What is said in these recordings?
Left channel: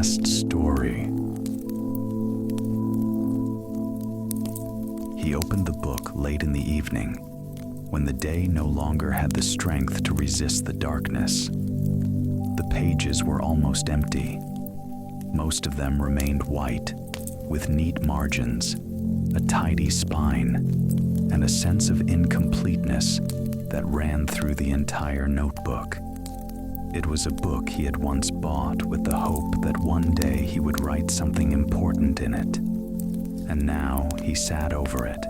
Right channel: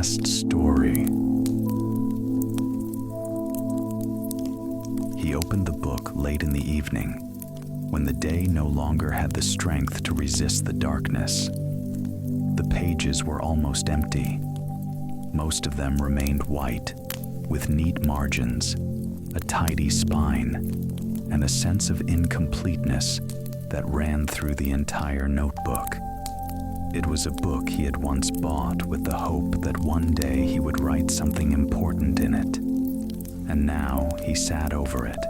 last story. He opened the book late in the evening, when the day no longer had the strength to resist the darkness. The pages were almost empty. Most of them remained white, with neat margins, a tidy spine, and a sense of incompleteness that ran through the entire notebook. It was a book he had once bought with the hope that one day he would write something important in it. And now he sat over it,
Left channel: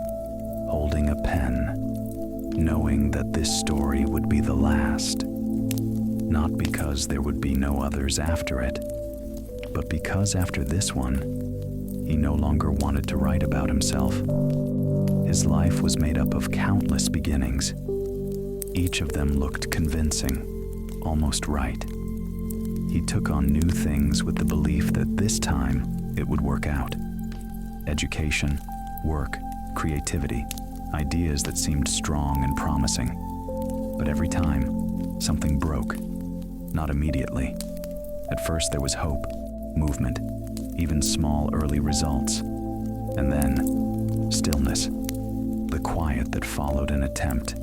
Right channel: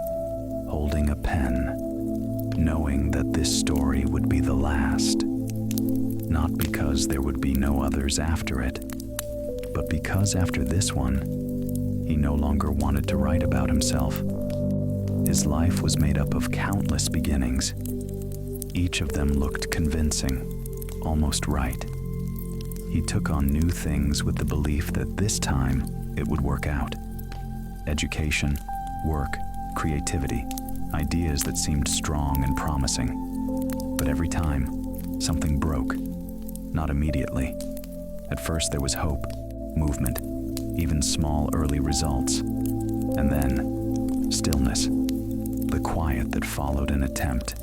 holding a pen, knowing that this story would be the last. Not because there would be no others after it, but because after this one, he no longer wanted to write about himself. His life was made up of countless beginnings. Each of them looked convincing, almost right. He took on new things with the belief that this time it would work out. Education, work, creativity, ideas that seemed strong and promising. But every time, something broke. Not immediately. At first there was hope, movement, even small early results. And then, stillness. The quiet that followed an attempt.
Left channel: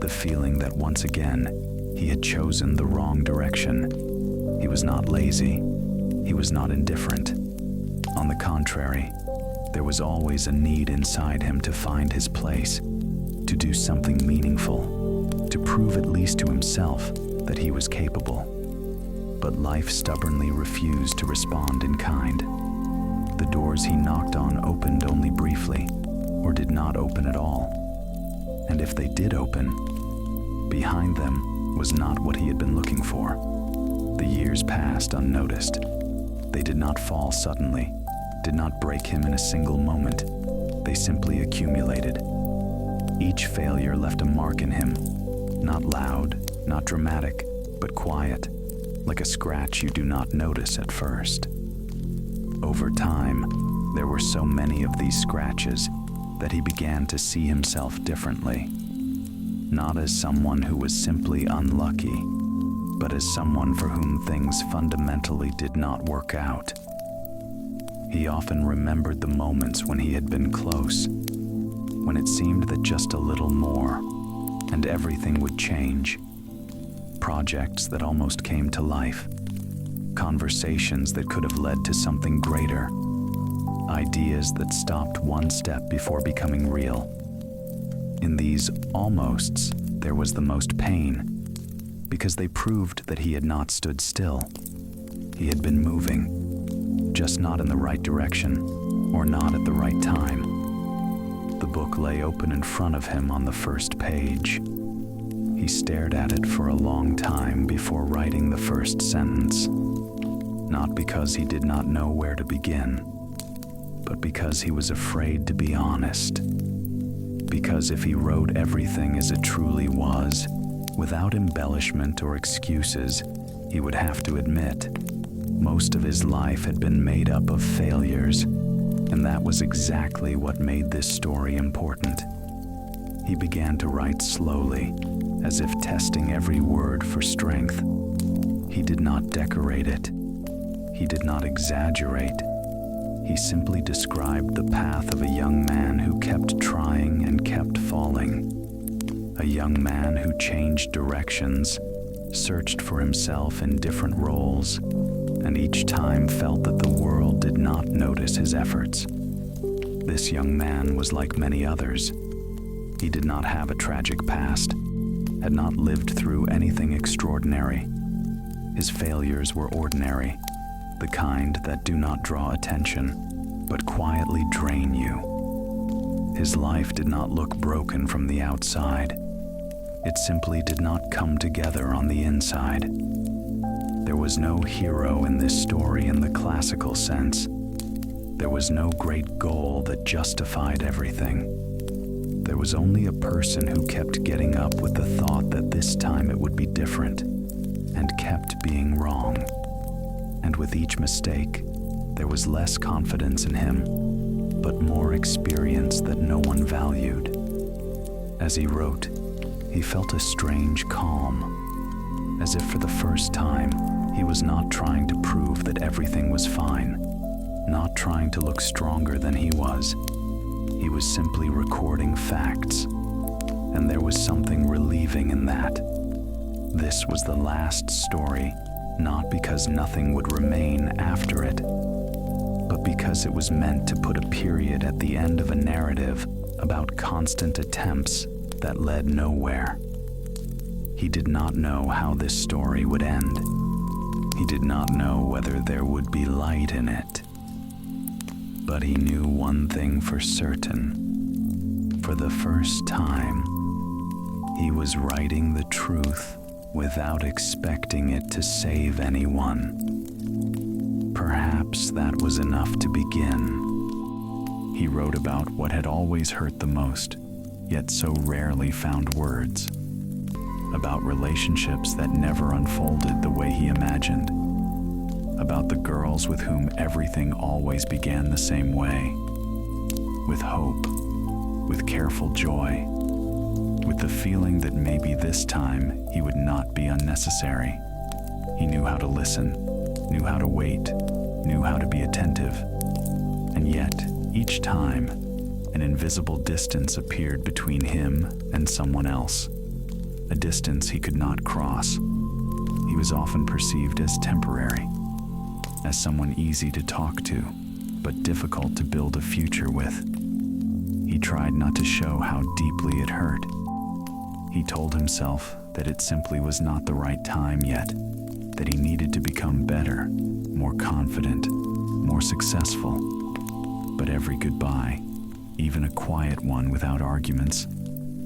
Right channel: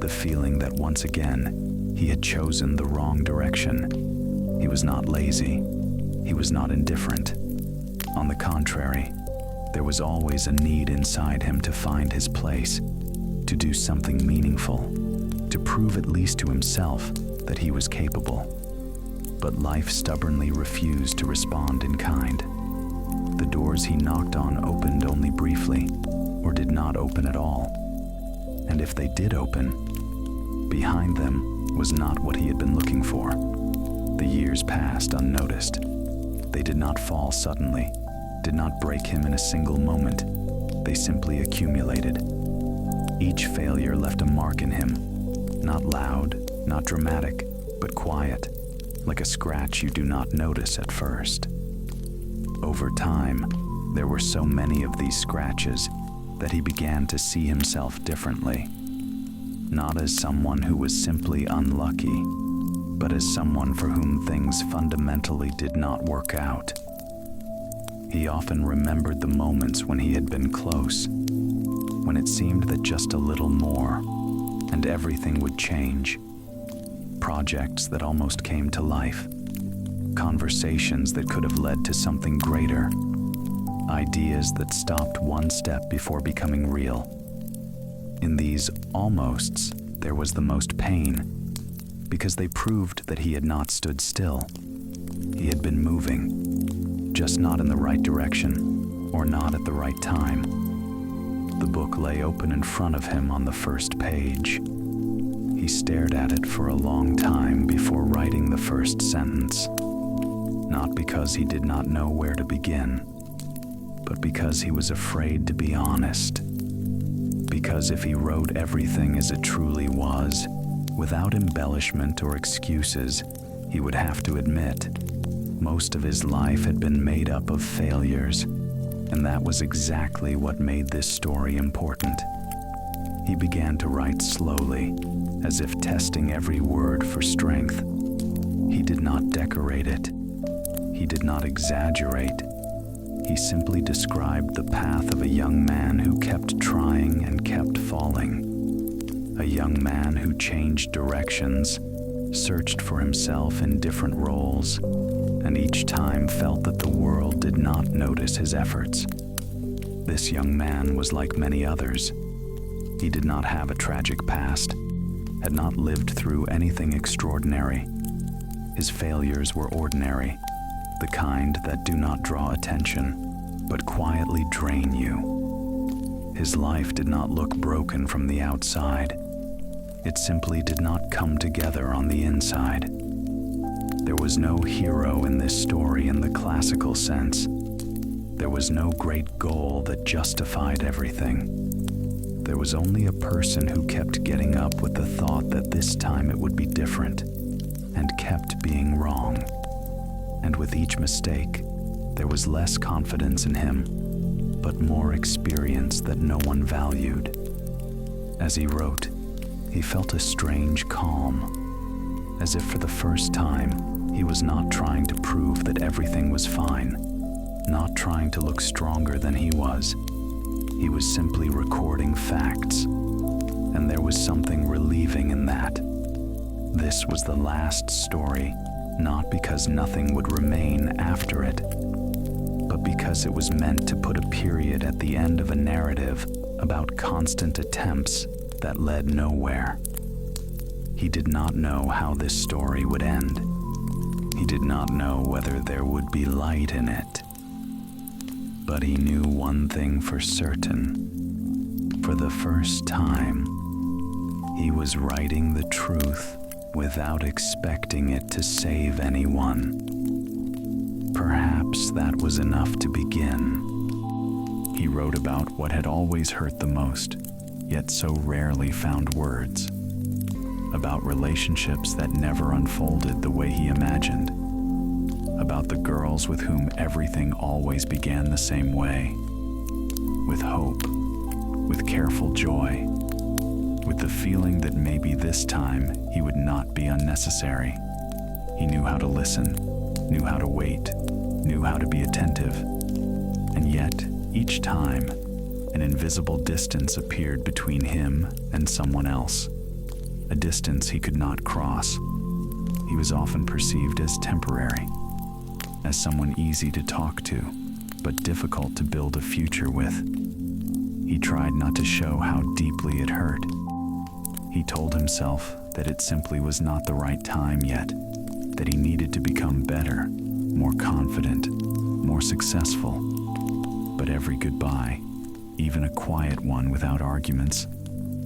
The feeling that once again, he had chosen the wrong direction. He was not lazy. He was not indifferent. On the contrary, there was always a need inside him to find his place, to do something meaningful, to prove at least to himself that he was capable. But life stubbornly refused to respond in kind. The doors he knocked on opened only briefly, or did not open at all. And if they did open, behind them was not what he had been looking for. The years passed unnoticed. They did not fall suddenly, did not break him in a single moment. They simply accumulated. Each failure left a mark in him, not loud, not dramatic, but quiet, like a scratch you do not notice at first. Over time, there were so many of these scratches that he began to see himself differently. Not as someone who was simply unlucky, but as someone for whom things fundamentally did not work out. He often remembered the moments when he had been close, when it seemed that just a little more, and everything would change. Projects that almost came to life, conversations that could have led to something greater, ideas that stopped one step before becoming real. In these almosts, there was the most pain, because they proved that he had not stood still. He had been moving, just not in the right direction, or not at the right time. The book lay open in front of him on the first page. He stared at it for a long time before writing the first sentence, not because he did not know where to begin, but because he was afraid to be honest. Because if he wrote everything as it truly was, without embellishment or excuses, he would have to admit most of his life had been made up of failures, and that was exactly what made this story important. He began to write slowly, as if testing every word for strength. He did not decorate it. He did not exaggerate. He simply described the path of a young man who kept trying and kept falling. A young man who changed directions, searched for himself in different roles, and each time felt that the world did not notice his efforts. This young man was like many others. He did not have a tragic past, had not lived through anything extraordinary. His failures were ordinary, the kind that do not draw attention, but quietly drain you. His life did not look broken from the outside. It simply did not come together on the inside. There was no hero in this story in the classical sense. There was no great goal that justified everything. There was only a person who kept getting up with the thought that this time it would be different, and kept being wrong. And with each mistake, there was less confidence in him, but more experience that no one valued. As he wrote, he felt a strange calm, as if for the first time, He was not trying to prove that everything was fine, not trying to look stronger than he was. He was simply recording facts, and there was something relieving in that. This was the last story, not because nothing would remain after it, but because it was meant to put a period at the end of a narrative about constant attempts that led nowhere. He did not know how this story would end. He did not know whether there would be light in it. But he knew one thing for certain. For the first time, he was writing the truth without expecting it to save anyone. Perhaps that was enough to begin. He wrote about what had always hurt the most, yet so rarely found words. About relationships that never unfolded the way he imagined. About the girls with whom everything always began the same way. With hope, with careful joy, with the feeling that maybe this time he would not be unnecessary. He knew how to listen, knew how to wait, knew how to be attentive. And yet, each time, an invisible distance appeared between him and someone else. A distance he could not cross. He was often perceived as temporary, as someone easy to talk to, but difficult to build a future with. He tried not to show how deeply it hurt. He told himself that it simply was not the right time yet, that he needed to become better, more confident, more successful. But every goodbye, even a quiet one without arguments,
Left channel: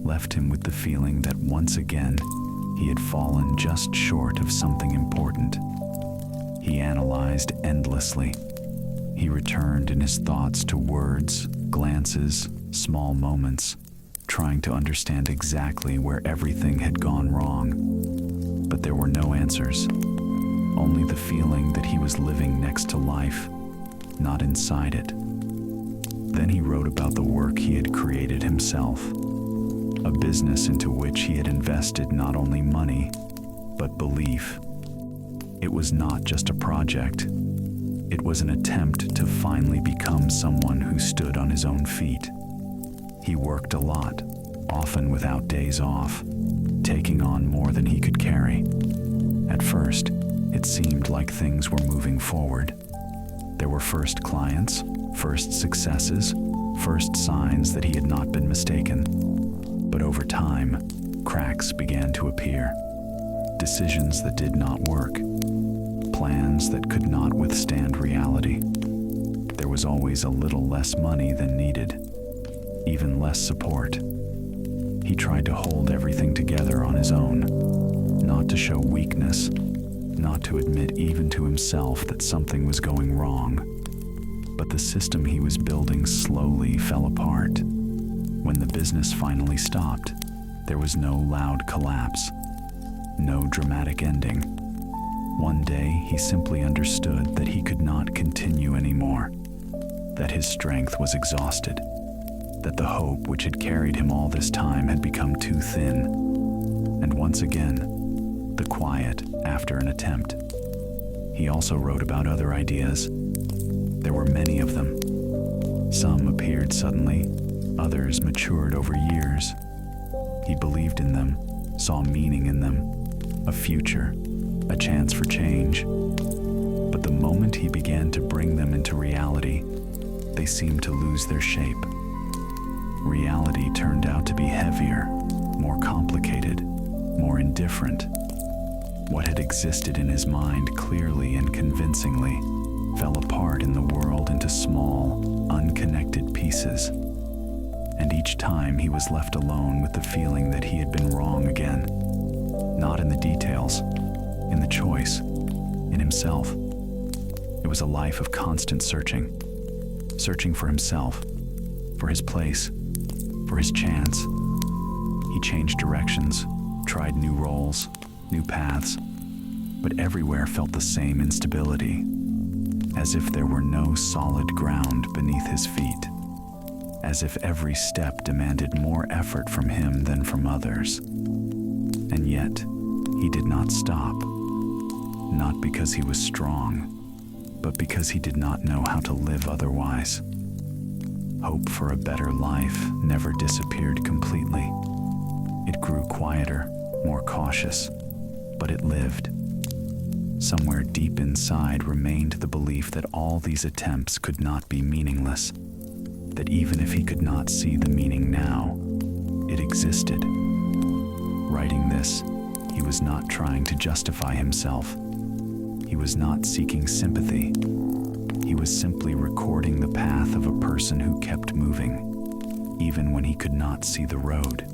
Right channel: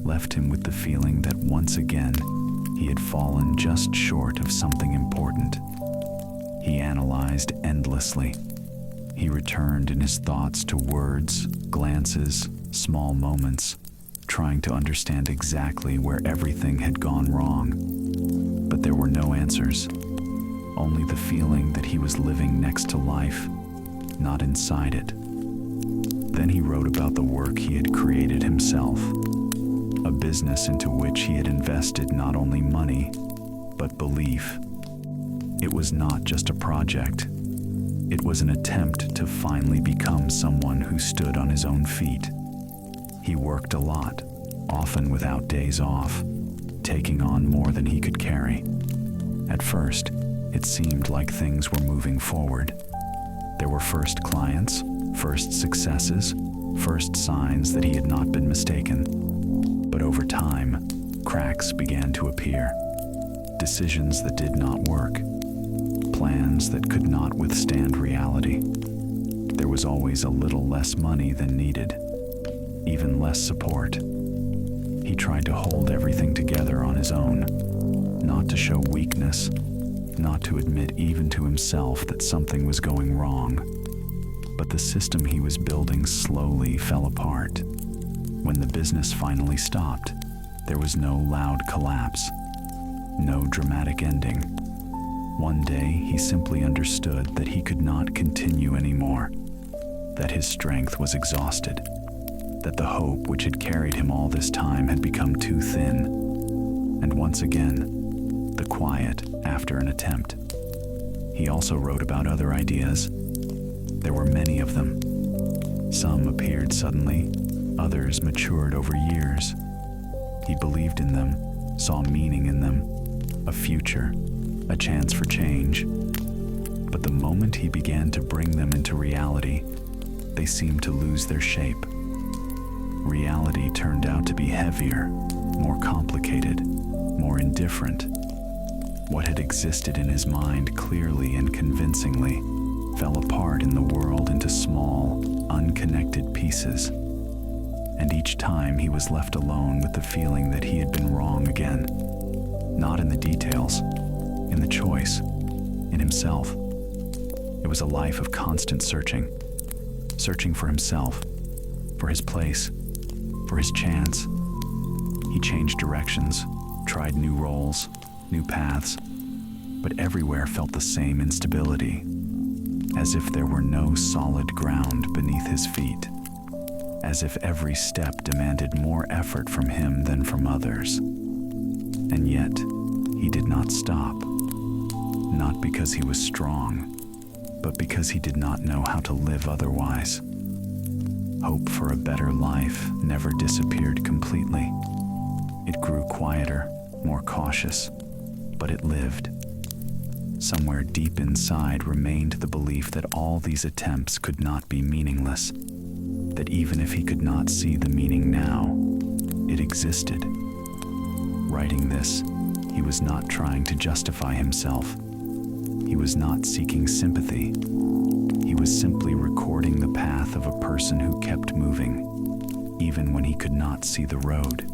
left him with the feeling that once again he had fallen just short of something important. He analyzed endlessly. He returned in his thoughts to words, glances, small moments, trying to understand exactly where everything had gone wrong. But there were no answers, only the feeling that he was living next to life, not inside it. Then he wrote about the work he had created himself, a business into which he had invested not only money, but belief. It was not just a project. It was an attempt to finally become someone who stood on his own feet. He worked a lot, often without days off, taking on more than he could carry. At first, it seemed like things were moving forward. There were first clients, first successes, first signs that he had not been mistaken. But over time, cracks began to appear. Decisions that did not work. Plans that could not withstand reality. There was always a little less money than needed, even less support. He tried to hold everything together on his own, not to show weakness, not to admit even to himself that something was going wrong. But the system he was building slowly fell apart. When the business finally stopped, there was no loud collapse, no dramatic ending. One day, he simply understood that he could not continue anymore, that his strength was exhausted, that the hope which had carried him all this time had become too thin. And once again, the quiet after an attempt. He also wrote about other ideas. There were many of them. Some appeared suddenly, others matured over years. He believed in them, saw meaning in them, a future, a chance for change. But the moment he began to bring them into reality, they seemed to lose their shape. Reality turned out to be heavier, more complicated, more indifferent. What had existed in his mind clearly and convincingly fell apart in the world into small, unconnected pieces. And each time he was left alone with the feeling that he had been wrong again. Not in the details, in the choice, in himself. It was a life of constant searching for himself, for his place, for his chance. He changed directions, tried new roles, new paths, but everywhere felt the same instability, as if there were no solid ground beneath his feet, as if every step demanded more effort from him than from others. And yet, he did not stop. not because he was strong, but because he did not know how to live otherwise. Hope for a better life never disappeared completely. It grew quieter, more cautious, but it lived. Somewhere deep inside remained the belief that all these attempts could not be meaningless, that even if he could not see the meaning now, it existed. Writing this, he was not trying to justify himself. He was not seeking sympathy. He was simply recording the path of a person who kept moving, even when he could not see the road.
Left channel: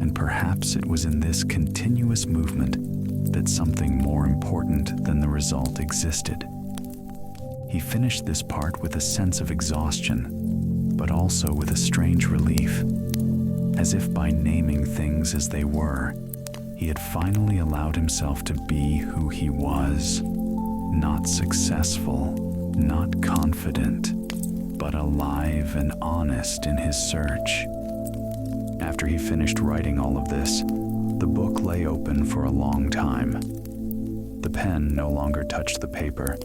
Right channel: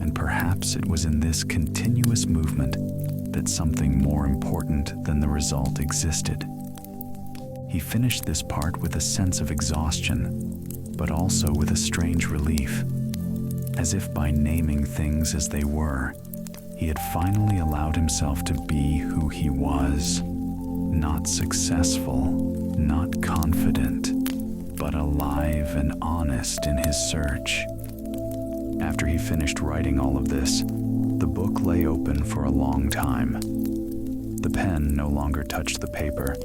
And perhaps it was in this continuous movement that something more important than the result existed. He finished this part with a sense of exhaustion, but also with a strange relief, as if by naming things as they were, he had finally allowed himself to be who he was, not successful, not confident, but alive and honest in his search. After he finished writing all of this, the book lay open for a long time. The pen no longer touched the paper,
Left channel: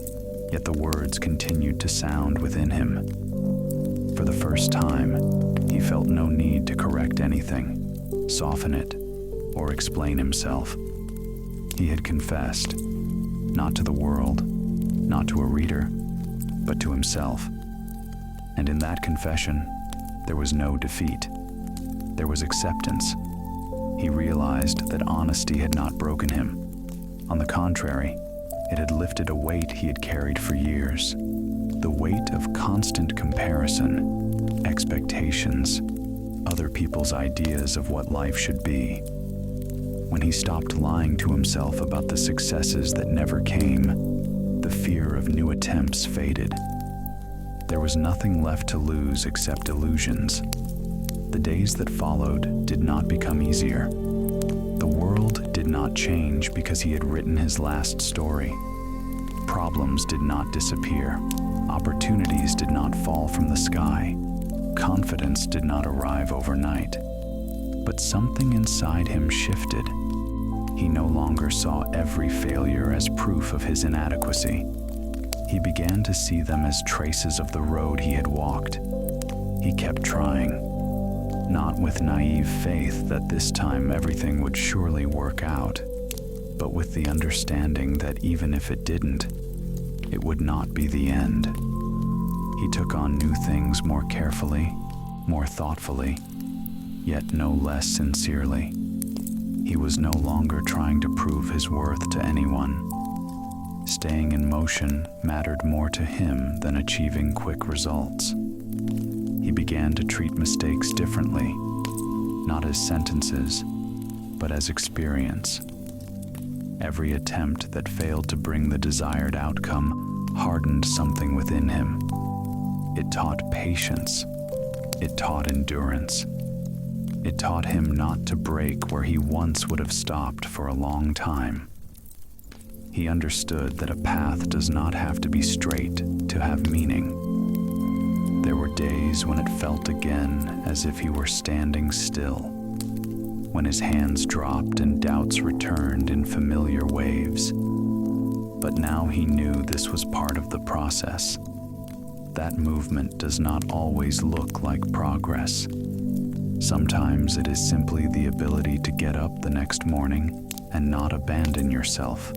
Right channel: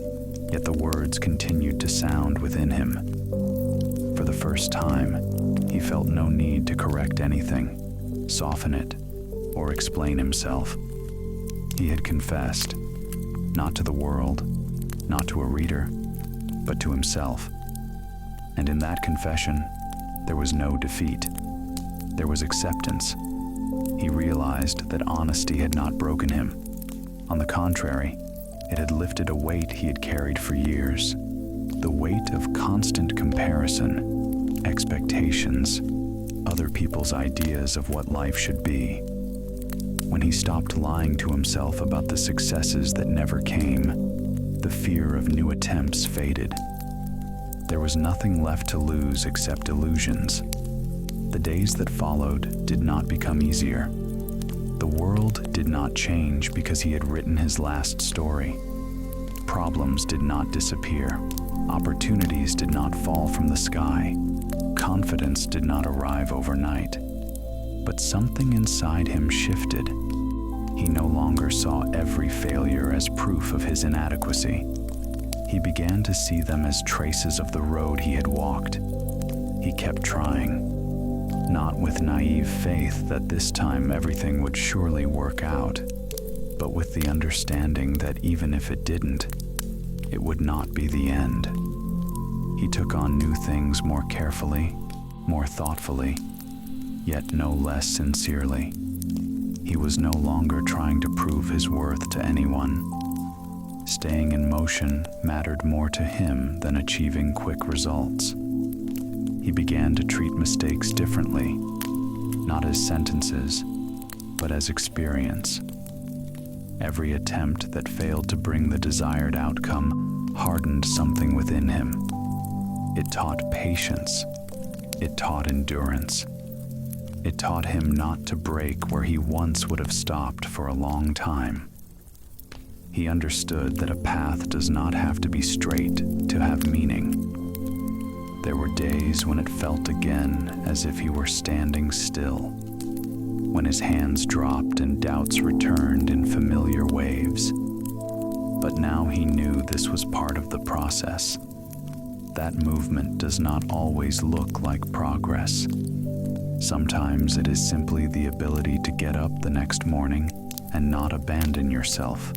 yet the words continued to sound within him. For the first time, he felt no need to correct anything, soften it, or explain himself. He had confessed, not to the world, not to a reader, but to himself. And in that confession, there was no defeat. There was acceptance. He realized that honesty had not broken him. On the contrary, it had lifted a weight he had carried for years. The weight of constant comparison, expectations, other people's ideas of what life should be. When he stopped lying to himself about the successes that never came, the fear of new attempts faded. There was nothing left to lose except illusions. The days that followed did not become easier. The world did not change because he had written his last story. Problems did not disappear. Opportunities did not fall from the sky. Confidence did not arrive overnight. But something inside him shifted. He no longer saw every failure as proof of his inadequacy. He began to see them as traces of the road he had walked. He kept trying, not with naive faith that this time everything would surely work out, but with the understanding that even if it didn't, it would not be the end. He took on new things more carefully, more thoughtfully, yet no less sincerely. He was no longer trying to prove his worth to anyone. Staying in motion mattered more to him than achieving quick results. He began to treat mistakes differently, not as sentences, but as experience. Every attempt that failed to bring the desired outcome hardened something within him. It taught patience. It taught endurance. It taught him not to break where he once would have stopped for a long time. He understood that a path does not have to be straight to have meaning. There were days when it felt again as if he were standing still, when his hands dropped and doubts returned in familiar waves. But now he knew this was part of the process. That movement does not always look like progress. Sometimes it is simply the ability to get up the next morning and not abandon yourself.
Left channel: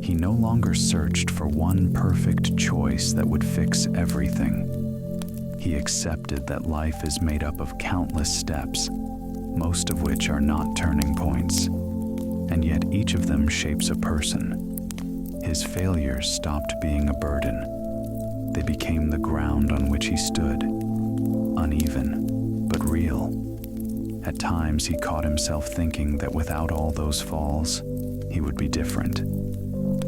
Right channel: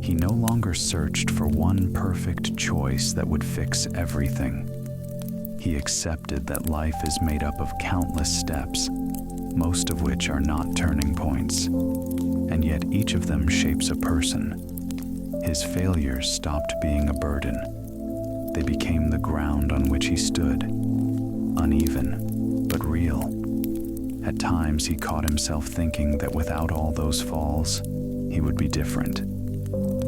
He no longer searched for one perfect choice that would fix everything. He accepted that life is made up of countless steps, most of which are not turning points, and yet each of them shapes a person. His failures stopped being a burden. They became the ground on which he stood, uneven, but real. At times he caught himself thinking that without all those falls, he would be different.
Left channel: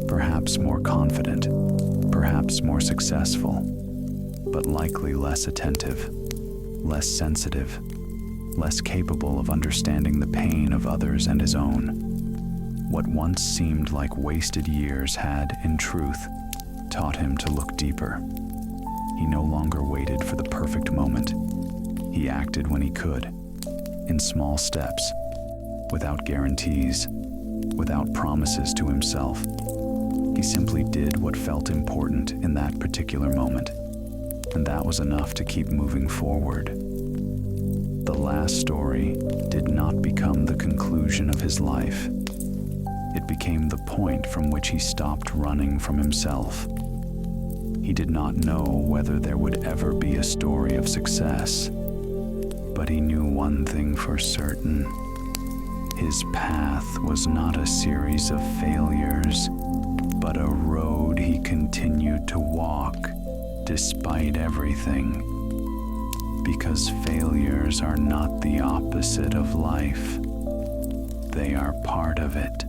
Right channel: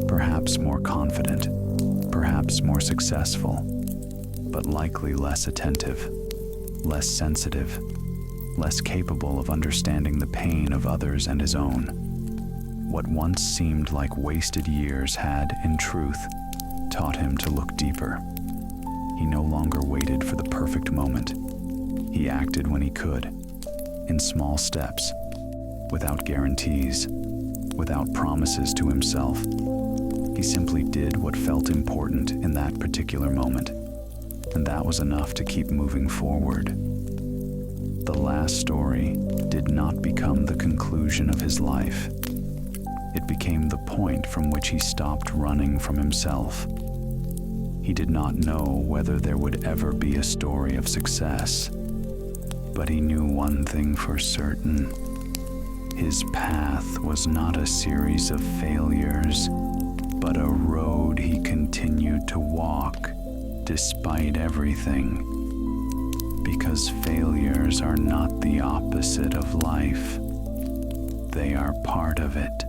Perhaps more confident, perhaps more successful, but likely less attentive, less sensitive, less capable of understanding the pain of others and his own. What once seemed like wasted years had, in truth, taught him to look deeper. He no longer waited for the perfect moment. He acted when he could, in small steps, without guarantees, without promises to himself. He simply did what felt important in that particular moment, and that was enough to keep moving forward. The last story did not become the conclusion of his life. It became the point from which he stopped running from himself. He did not know whether there would ever be a story of success, but he knew one thing for certain. His path was not a series of failures, but a road he continued to walk despite everything. Because failures are not the opposite of life. They are part of it.